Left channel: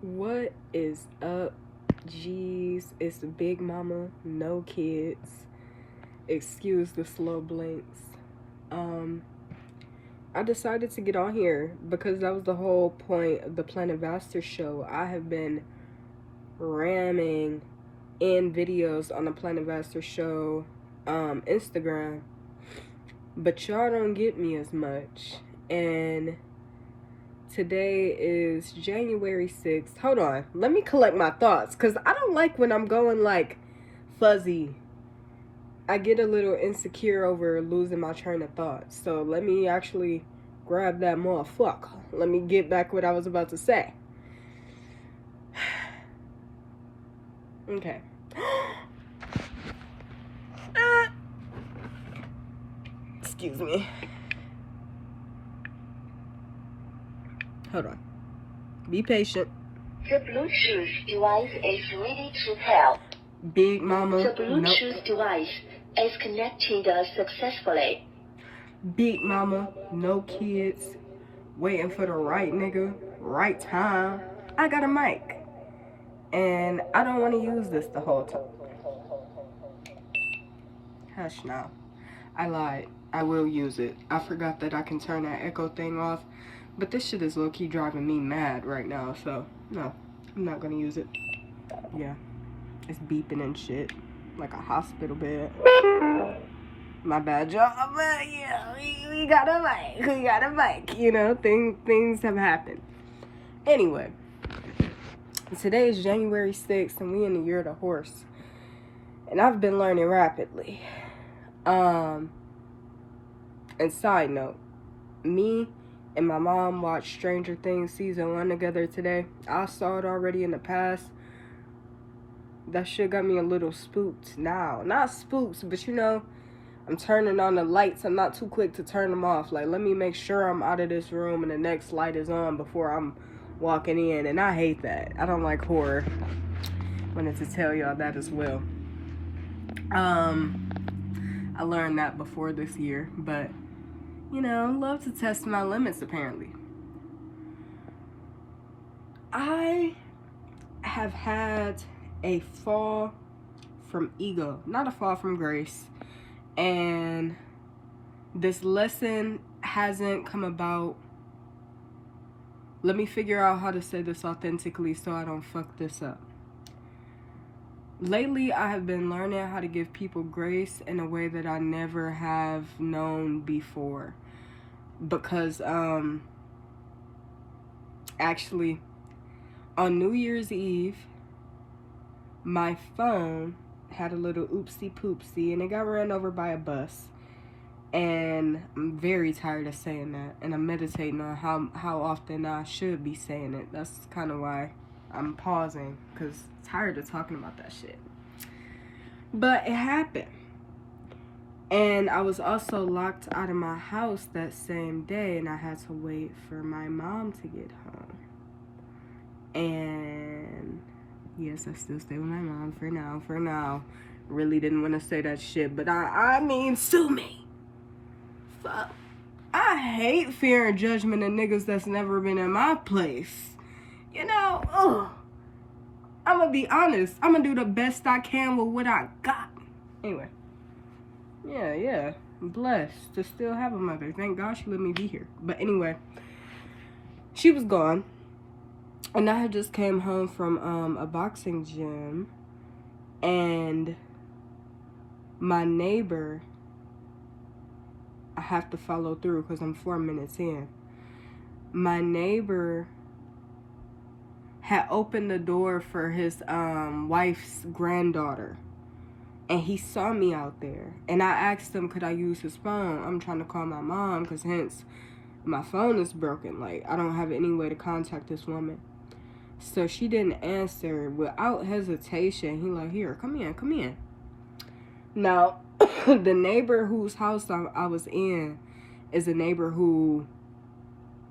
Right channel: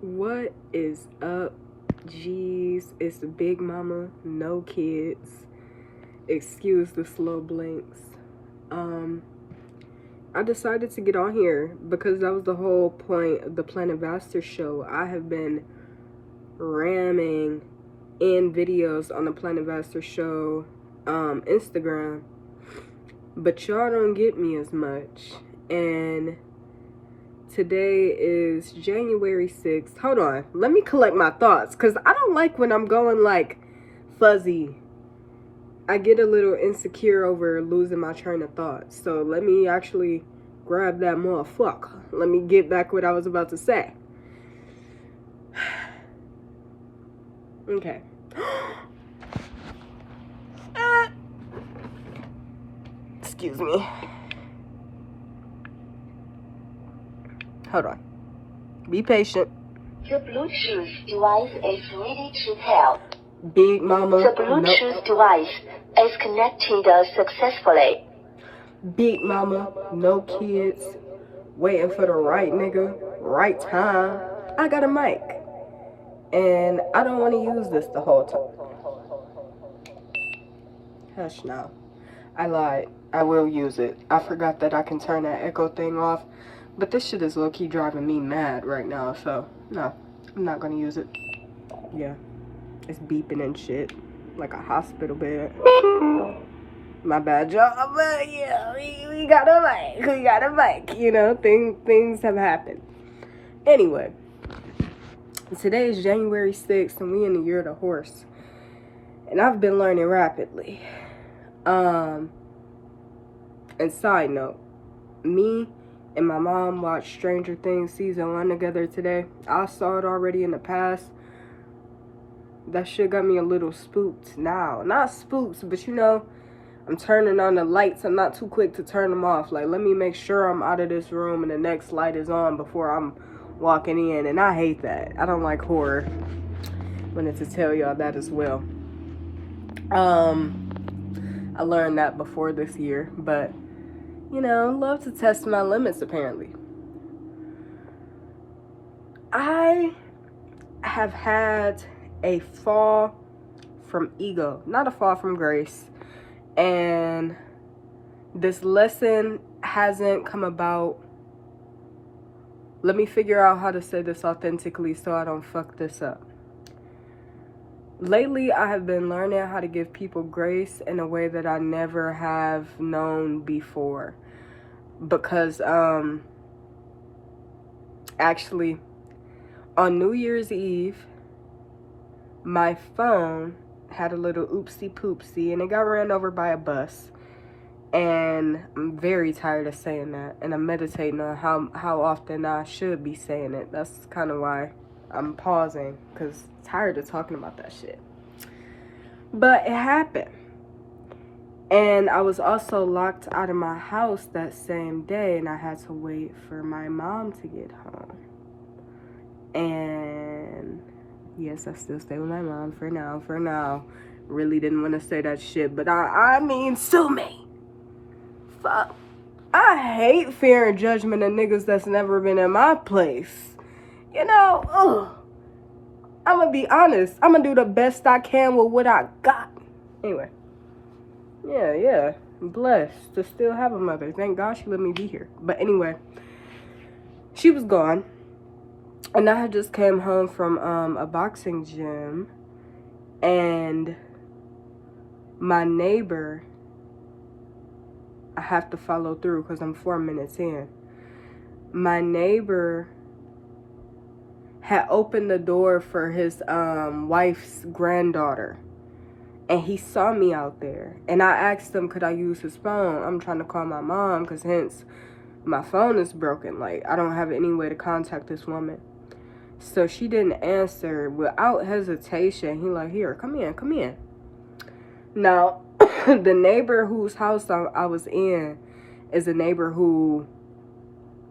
What is up, G's? It's the Big Mama, no kids. Excuse the slow blinks. I decided to get on here because that was the whole point of the Planet Vaster show. I have been ramming in videos on the Planet Vaster show Instagram, but y'all don't get me as much. And today is January 6th. Hold on. Let me collect my thoughts because I don't like when I'm going like fuzzy. I get a little insecure over losing my train of thought. So let me actually grab that motherfucker. Let me get back what I was about to say. Okay. Excuse me. Hold on. Be patient. The Bluetooth device is ready to pair. Big Mama. The Bluetooth device is connected successfully. Big Mama, no kids. Waiting for the right nigga, right time. I got a mic. And I don't want to use this the whole time. Hush now. I lied. I will use it. I forgot that I can turn that echo thing off. But this shit is low-key driving me mad right now. So, no. I'm not going to use it. Yeah. It's beeping and shit. Like a hospital bed. My bad, y'all. But yeah, we got a mic. We got a mic. You know, things have happened. Anyway. Today is January 6th and we in the year of the horse. And I've been learning rapidly. And side note, me and my mom watched Stranger Things season 1 together today. I saw it already in the past. That shit got me a little spooked now. Not spooked, but you know, I'm turning on the lights. I'm not too quick to turn them off. Like, let me make sure I'm out of this room and the next light is on before I'm walking in. And I hate that. I don't like horror. Wanted to tell y'all that as well. I learned that before this year, but you know, love to test my limits apparently. I have had a fall from ego, not a fall from grace. And this lesson hasn't come about. Let me figure out how to say this authentically so I don't fuck this up. Lately, I have been learning how to give people grace in a way that I never have known before. Because, actually, on New Year's Eve, my phone had a little oopsie poopsie and it got ran over by a bus. And I'm very tired of saying that. And I'm meditating on how often I should be saying it. That's kind of why I'm pausing, because I'm tired of talking about that shit. But it happened. And I was also locked out of my house that same day, and I had to wait for my mom to get home. And yes, I still stay with my mom for now. Really didn't want to say that shit, but I mean, sue me. Fuck. I hate fear and judgment of niggas that's never been in my place. You know, I'm gonna be honest. I'm gonna do the best I can with what I got. Anyway. Yeah. I'm blessed to still have a mother. Thank God she let me be here. But anyway, she was gone. And I had just came home from a boxing gym. And my neighbor, I have to follow through because I'm 4 minutes in. My neighbor had opened the door for his wife's granddaughter. And he saw me out there. And I asked him, could I use his phone? I'm trying to call my mom because hence my phone is broken. Like, I don't have any way to contact this woman. So she didn't answer. Without hesitation, he like, here, come in. Now, the neighbor whose house I was in is a neighbor who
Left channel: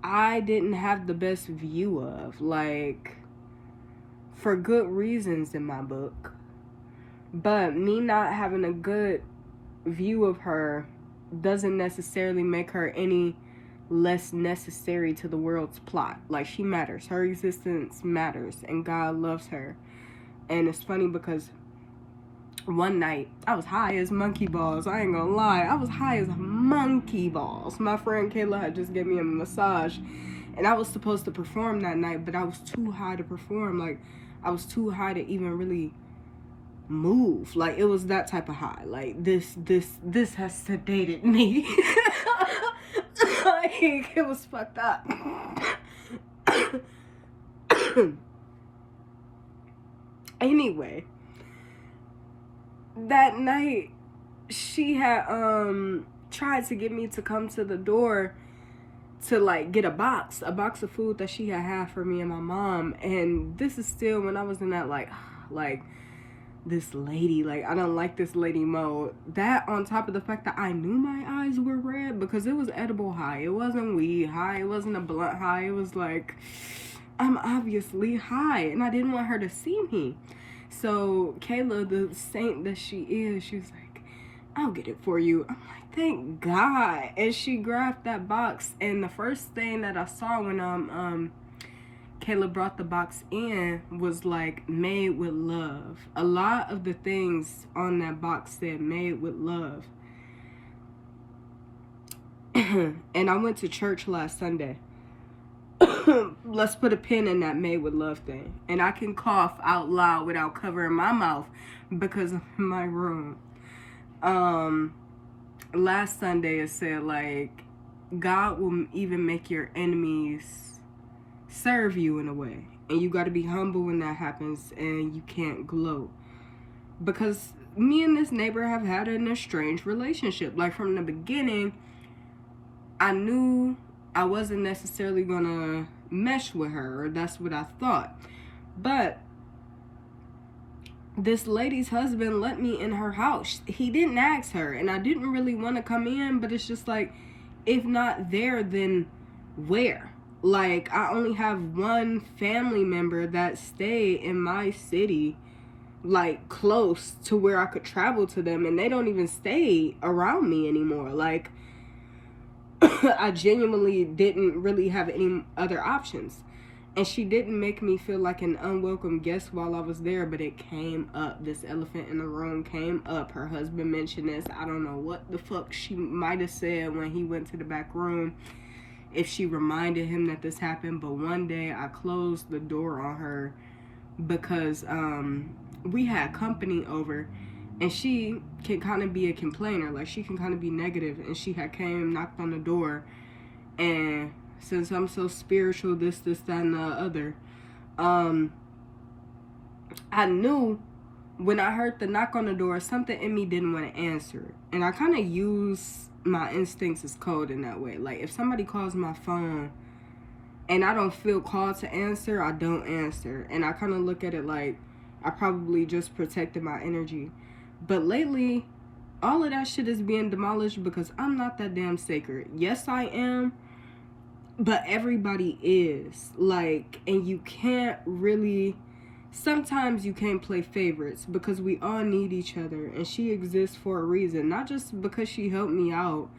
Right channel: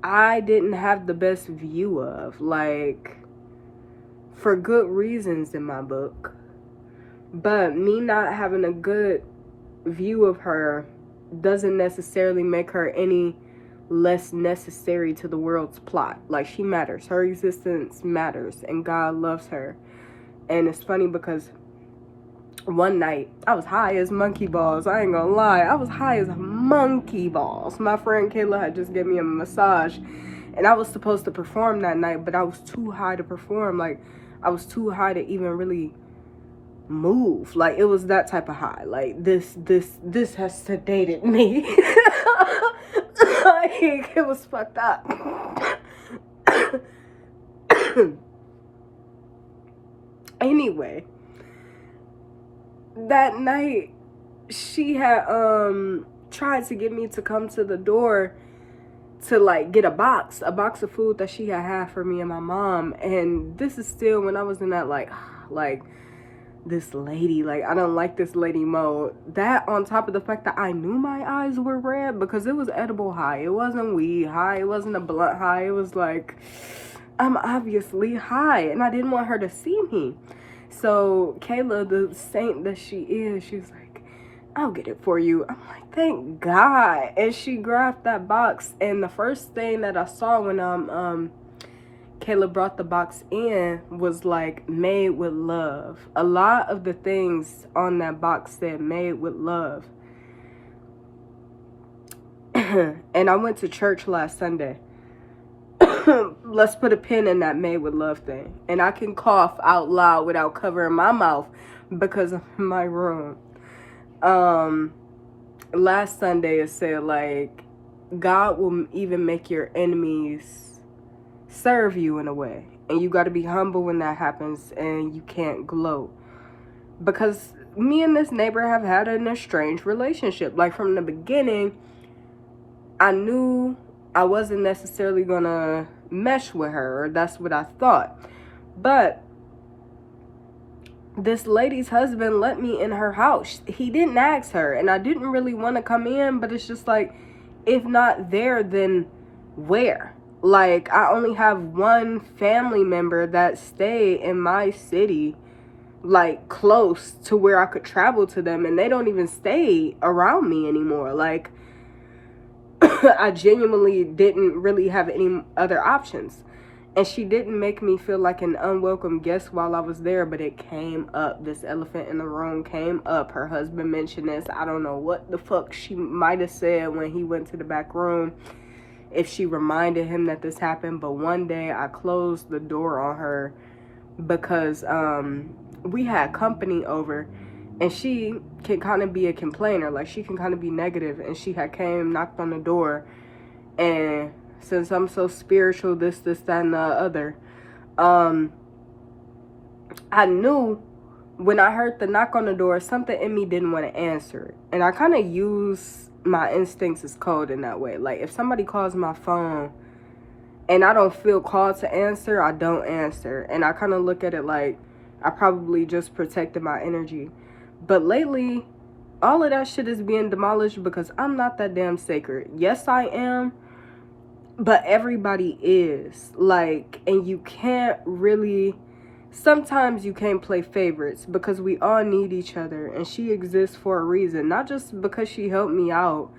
I didn't have the best view of. Like, for good reasons in my book. But me not having a good view of her doesn't necessarily make her any less necessary to the world's plot. Like, she matters. Her existence matters, and God loves her. And it's funny because one night, I was high as monkey balls. I ain't gonna lie. I was high as monkey balls. My friend Kayla had just gave me a massage, and I was supposed to perform that night, but I was too high to perform. Like, I was too high to even really move. Like, it was that type of high. Like, this has sedated me. Like, it was fucked up. Anyway, that night she had tried to get me to come to the door to like get a box of food that she had for me and my mom. And this is still when I was in that like this lady, like, I don't like this lady mode. That on top of the fact that I knew my eyes were red because it was edible high. It wasn't weed high. It wasn't a blunt high. It was like, I'm obviously high, and I didn't want her to see me. So Kayla, the saint that she is, she was like, I'll get it for you. I'm like, thank God. And she grabbed that box, and the first thing that I saw when Kayla brought the box in was like made with love. A lot of the things on that box said made with love. And I went to church last Sunday. Let's put a pin in that made with love thing. And I can cough out loud without covering my mouth because I'm in my room. Last Sunday it said like, God will even make your enemies serve you in a way, and you got to be humble when that happens, and you can't gloat. Because me and this neighbor have had an estranged relationship. Like, from the beginning, I knew I wasn't necessarily gonna mesh with her, or that's what I thought. But this lady's husband let me in her house. He didn't ask her, and I didn't really want to come in, but it's just like, if not there, then where? Like, I only have one family member that stay in my city, like, close to where I could travel to them, and they don't even stay around me anymore. Like, I genuinely didn't really have any other options. And she didn't make me feel like an unwelcome guest while I was there, but it came up. This elephant in the room came up. Her husband mentioned this. I don't know what the fuck she might have said when he went to the back room, if she reminded him that this happened. But one day I closed the door on her because we had company over, and she can kind of be a complainer. Like, she can kind of be negative, and she had came, knocked on the door, and since I'm so spiritual, this, that, and the other, I knew when I heard the knock on the door, something in me didn't want to answer it. And I kind of use my instincts as code in that way. Like, if somebody calls my phone and I don't feel called to answer, I don't answer. And I kind of look at it like I probably just protected my energy. But lately, all of that shit is being demolished because I'm not that damn sacred. Yes, I am, but everybody is. Like, and you can't really... Sometimes you can't play favorites because we all need each other, and she exists for a reason. Not just because she helped me out,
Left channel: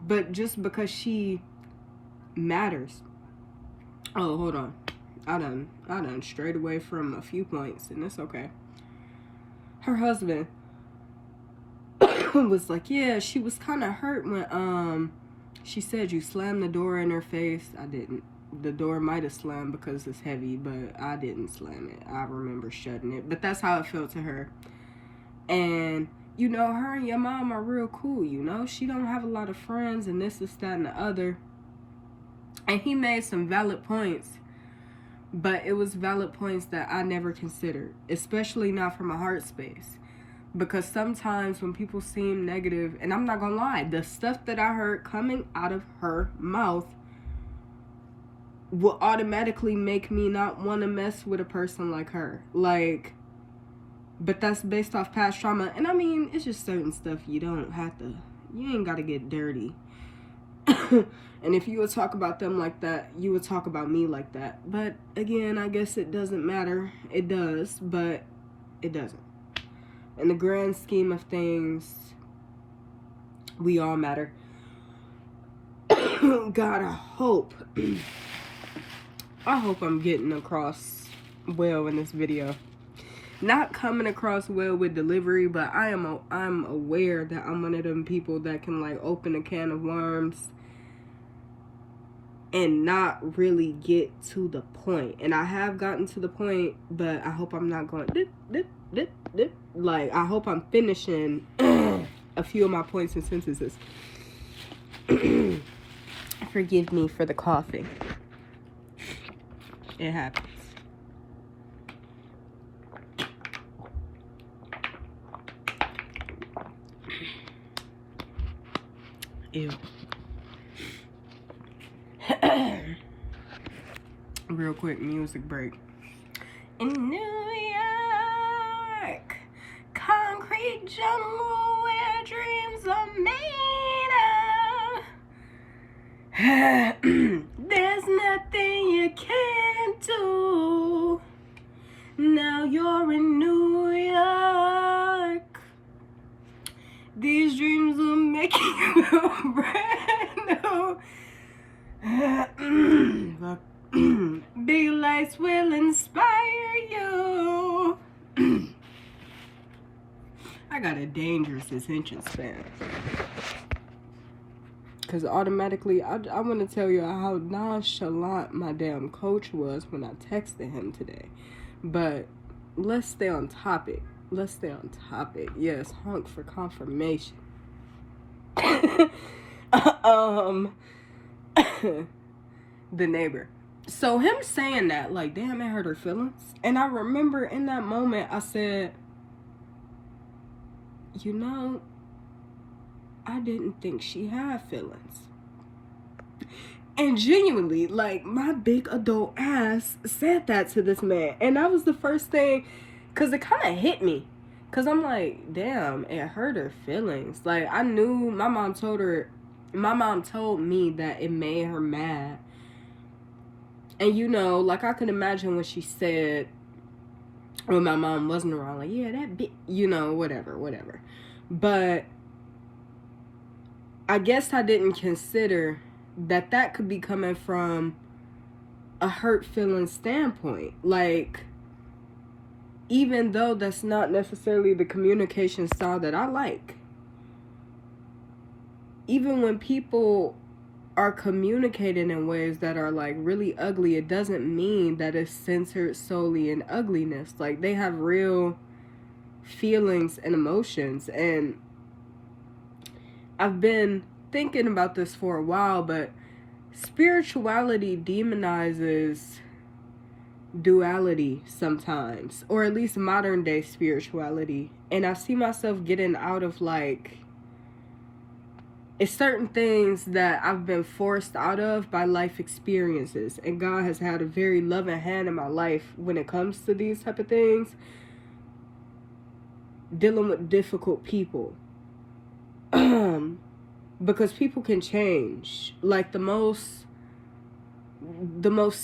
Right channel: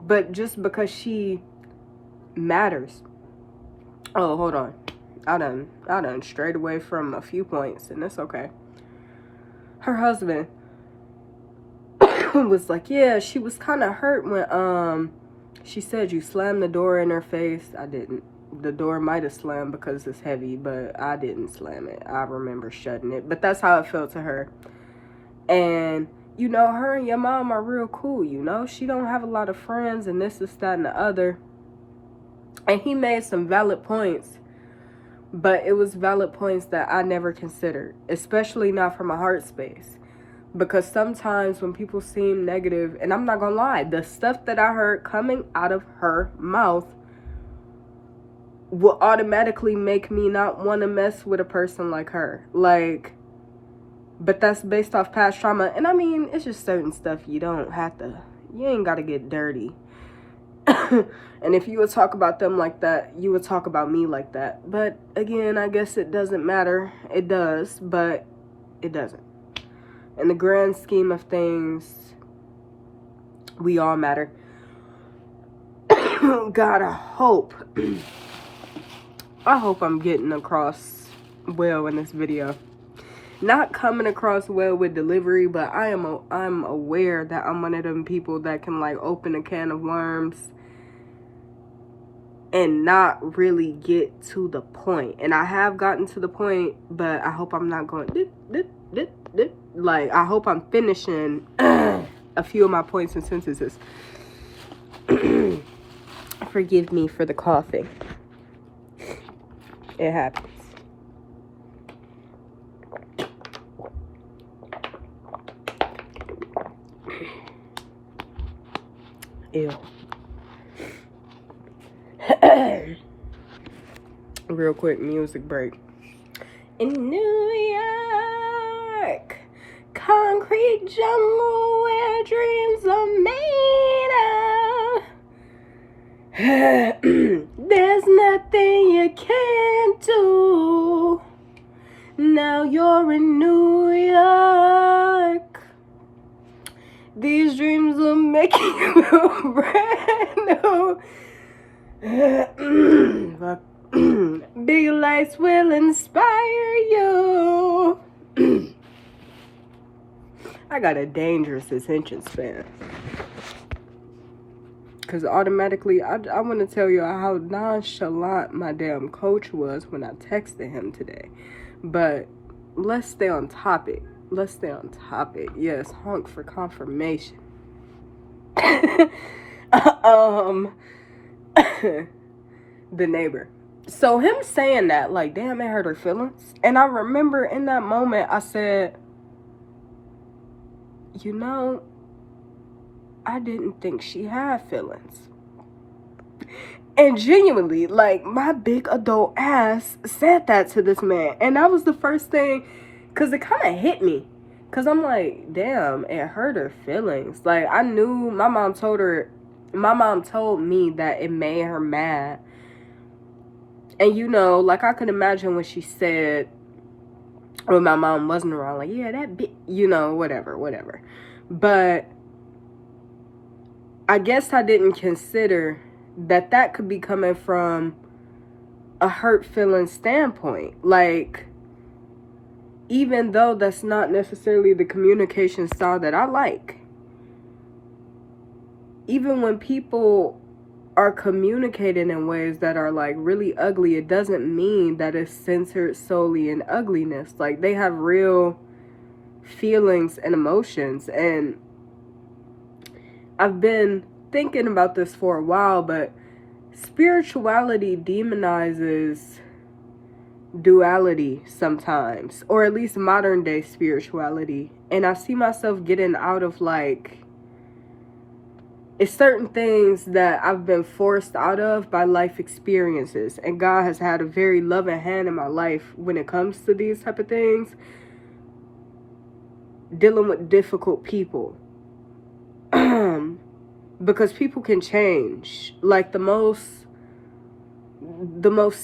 but just because she matters. Oh, hold on. I done strayed away from a few points, and it's okay. Her husband was like, yeah, she was kind of hurt when she said you slammed the door in her face. I didn't. The door might have slammed because it's heavy, but I didn't slam it. I remember shutting it. But that's how it felt to her. And, you know, her and your mom are real cool, you know? She don't have a lot of friends and this, that, and the other. And he made some valid points. But it was valid points that I never considered. Especially not from a heart space. Because sometimes when people seem negative, and I'm not gonna lie, the stuff that I heard coming out of her mouth will automatically make me not want to mess with a person like her. Like, but that's based off past trauma. And I mean, it's just certain stuff you ain't got to get dirty. And if you would talk about them like that, you would talk about me like that. But again, I guess it doesn't matter. It does, but it doesn't. In the grand scheme of things, we all matter. God, I hope I'm getting across well in this video. Not coming across well with delivery, but I'm aware that I'm one of them people that can like open a can of worms and not really get to the point. And I have gotten to the point, but I hope I'm not going like, I hope I'm finishing a few of my points and sentences. Forgive me for the coughing. It happens. Ew. Real quick music break. In New York, concrete jungle where dreams are made of. There's nothing you can't do. Now you're in New York. These dreams will make you feel brand new. Big lights will inspire you. I got a dangerous attention span. Because automatically, I want to tell you how nonchalant my damn coach was when I texted him today. But let's stay on topic. Yes, honk for confirmation. The neighbor. So him saying that, like, damn, it hurt her feelings. And I remember in that moment, I said, you know, I didn't think she had feelings. And genuinely, like, my big adult ass said that to this man. And that was the first thing, because it kind of hit me. Because I'm like, damn, it hurt her feelings. Like, I knew my mom told me that it made her mad. And, you know, like, I could imagine when she said, when my mom wasn't around, like, yeah, that bitch, you know, whatever. But I guess I didn't consider that could be coming from a hurt feeling standpoint. Like, even though that's not necessarily the communication style that I like, even when people are communicating in ways that are like really ugly, it doesn't mean that it's centered solely in ugliness. Like, they have real feelings and emotions. And I've been thinking about this for a while, but spirituality demonizes duality sometimes, or at least modern day spirituality. And I see myself getting out of, like, it's certain things that I've been forced out of by life experiences, and God has had a very loving hand in my life when it comes to these type of things, dealing with difficult people. Because people can change. Like, the most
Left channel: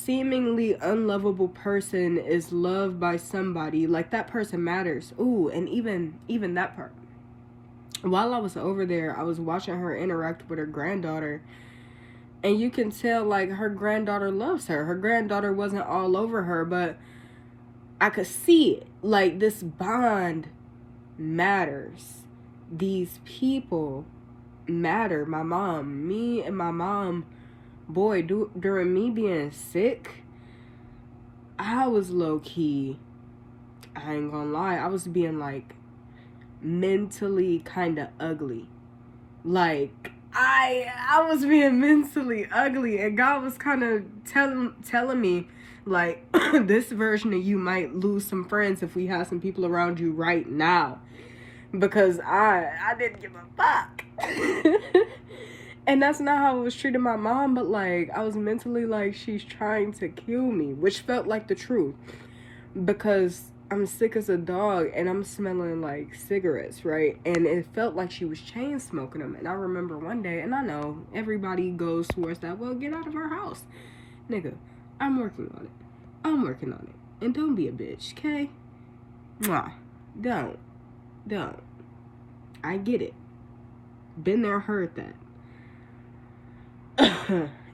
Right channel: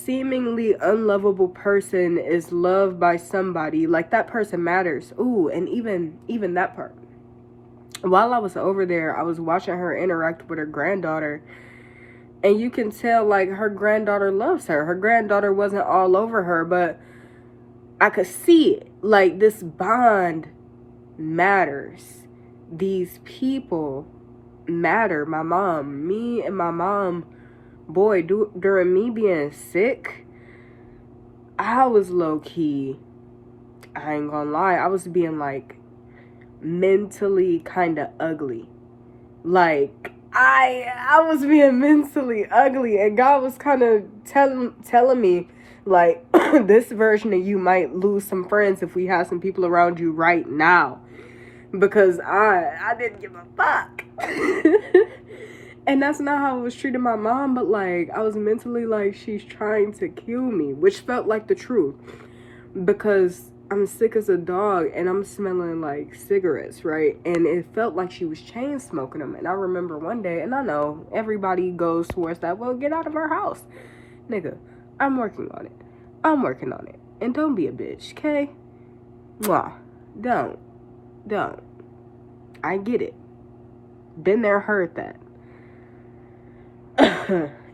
seemingly unlovable person is loved by somebody. Like, that person matters. Ooh, and even that part. While I was over there, I was watching her interact with her granddaughter, and you can tell, like, her granddaughter loves her. Her granddaughter wasn't all over her, but I could see it. Like, this bond matters. These people matter. My mom, me and my mom, boy, during me being sick, I was low-key, I ain't gonna lie, I was being, like, mentally kind of ugly. Like, I was being mentally ugly, and God was kind of telling me, like, this version of you might lose some friends if we have some people around you right now, because I didn't give a fuck. And that's not how I was treating my mom, but, like, I was mentally like, she's trying to kill me, which felt like the truth, because I'm sick as a dog and I'm smelling like cigarettes, right? And it felt like she was chain smoking them. And I remember one day, and I know everybody goes towards that, well, get out of our house. Nigga, I'm working on it. And don't be a bitch, okay? Mwah. Don't. I get it. Been there, heard that.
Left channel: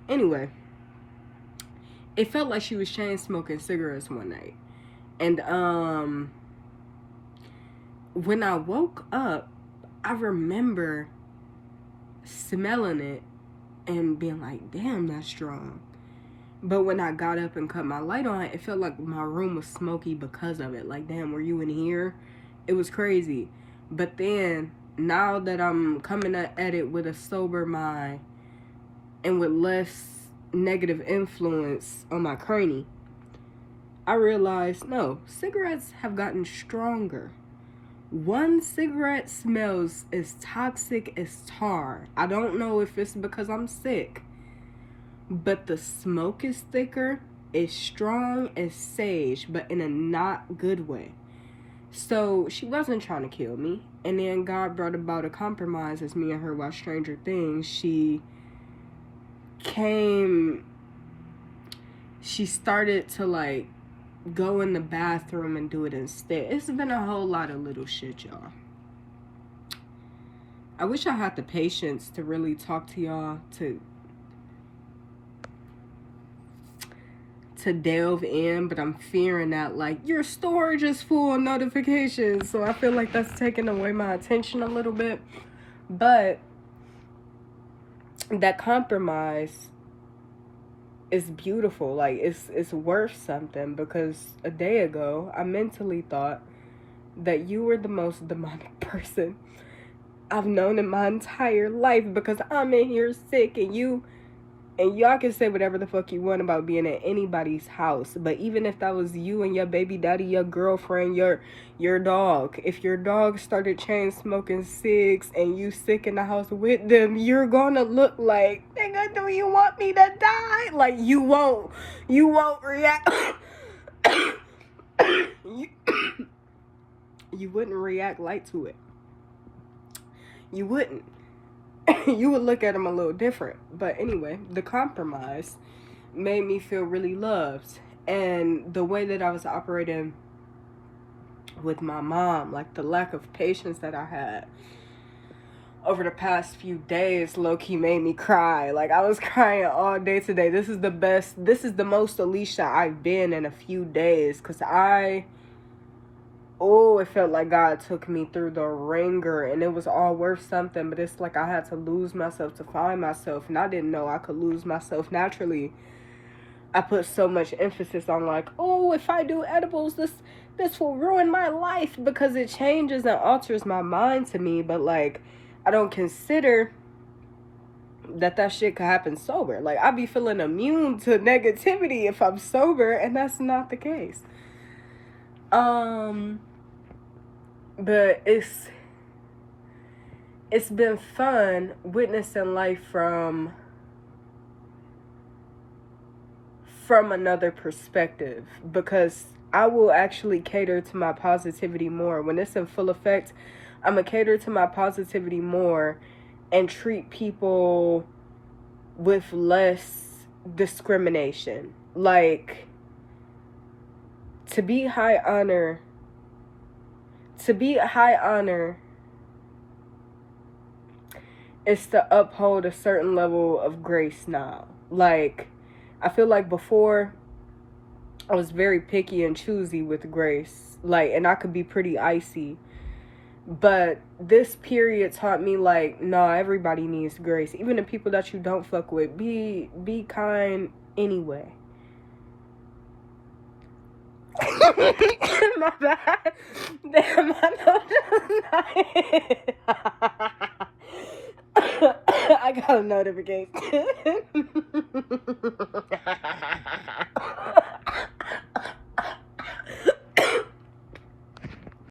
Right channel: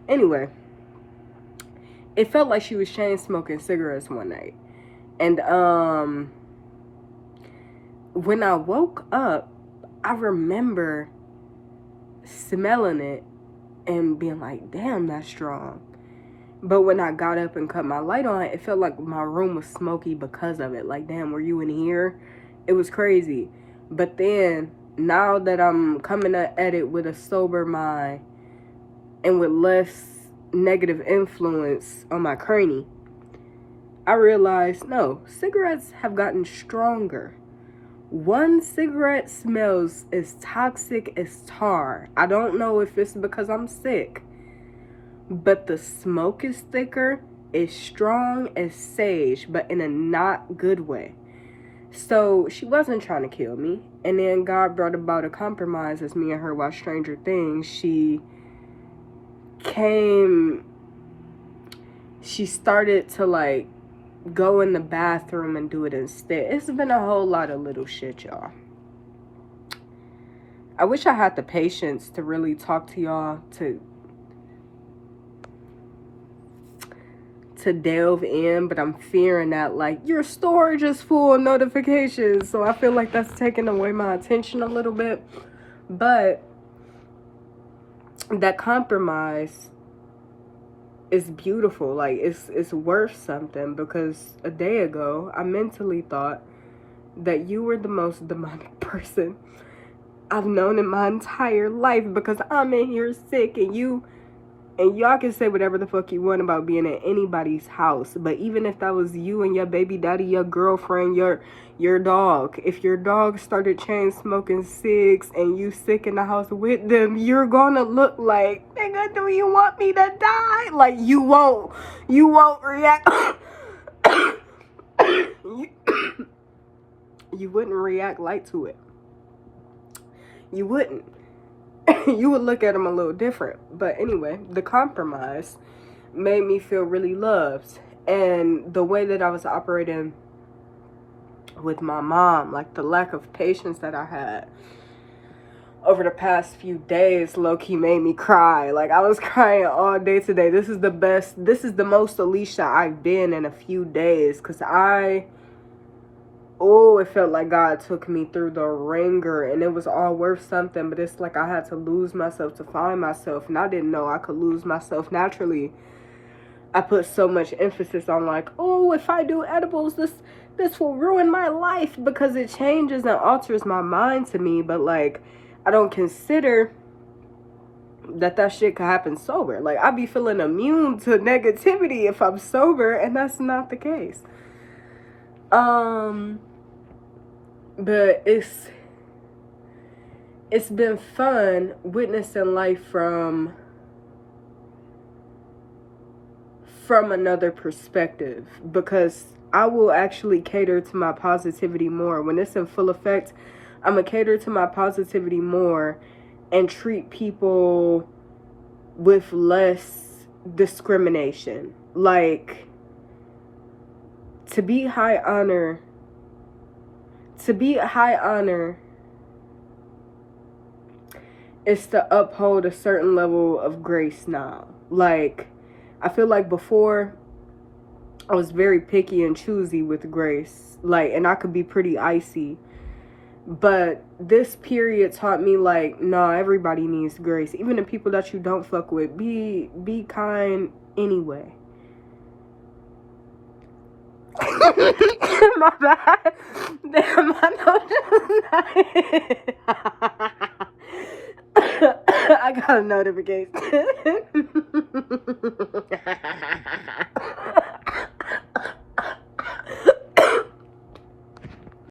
Anyway, it felt like she was chain smoking cigarettes one night. And when I woke up, I remember smelling it and being like, damn, that's strong. But when I got up and cut my light on, it felt like my room was smoky because of it. Like, damn, were you in here? It was crazy. But then, now that I'm coming at it with a sober mind and with less negative influence on my cranie, I realized, no, cigarettes have gotten stronger. One cigarette smells as toxic as tar. I don't know if it's because I'm sick, but the smoke is thicker, as strong as sage, but in a not good way. So she wasn't trying to kill me. And then God brought about a compromise as me and her watched Stranger Things. She started to like go in the bathroom and do it instead. It's been a whole lot of little shit, y'all. I wish I had the patience to really talk to y'all, to delve in, but I'm fearing that like your storage is full of notifications, so I feel like that's taking away my attention a little bit. But that compromise is beautiful. Like it's worth something, because a day ago I mentally thought that you were the most demonic person I've known in my entire life, because I'm in here sick and y'all can say whatever the fuck you want about being in anybody's house, but even if that was you and your baby daddy, your girlfriend, your dog, if your dog started chain smoking cigs and you sick in the house with them, you're gonna look like, nigga, do you want me to die? Like, you won't react. You wouldn't react like to it. You wouldn't. You would look at them a little different. But anyway, the compromise made me feel really loved. And the way that I was operating with my mom, like the lack of patience that I had over the past few days, low-key made me cry. Like, I was crying all day today. This is the most Alicia I've been in a few days, because it felt like God took me through the ringer, and it was all worth something. But it's like I had to lose myself to find myself, and I didn't know I could lose myself naturally. I put so much emphasis on like, oh, if I do edibles, this will ruin my life, because it changes and alters my mind to me. But like, I don't consider that shit could happen sober. Like, I be feeling immune to negativity if I'm sober, and that's not the case. But it's been fun witnessing life from another perspective, because I will actually cater to my positivity more. When it's in full effect, I'm gonna cater to my positivity more and treat people with less discrimination. Like, to be high honor is to uphold a certain level of grace now. Like, I feel like before I was very picky and choosy with grace, like, and I could be pretty icy. But this period taught me, like, nah, everybody needs grace. Even the people that you don't fuck with, be kind anyway. My bad. I got a notification.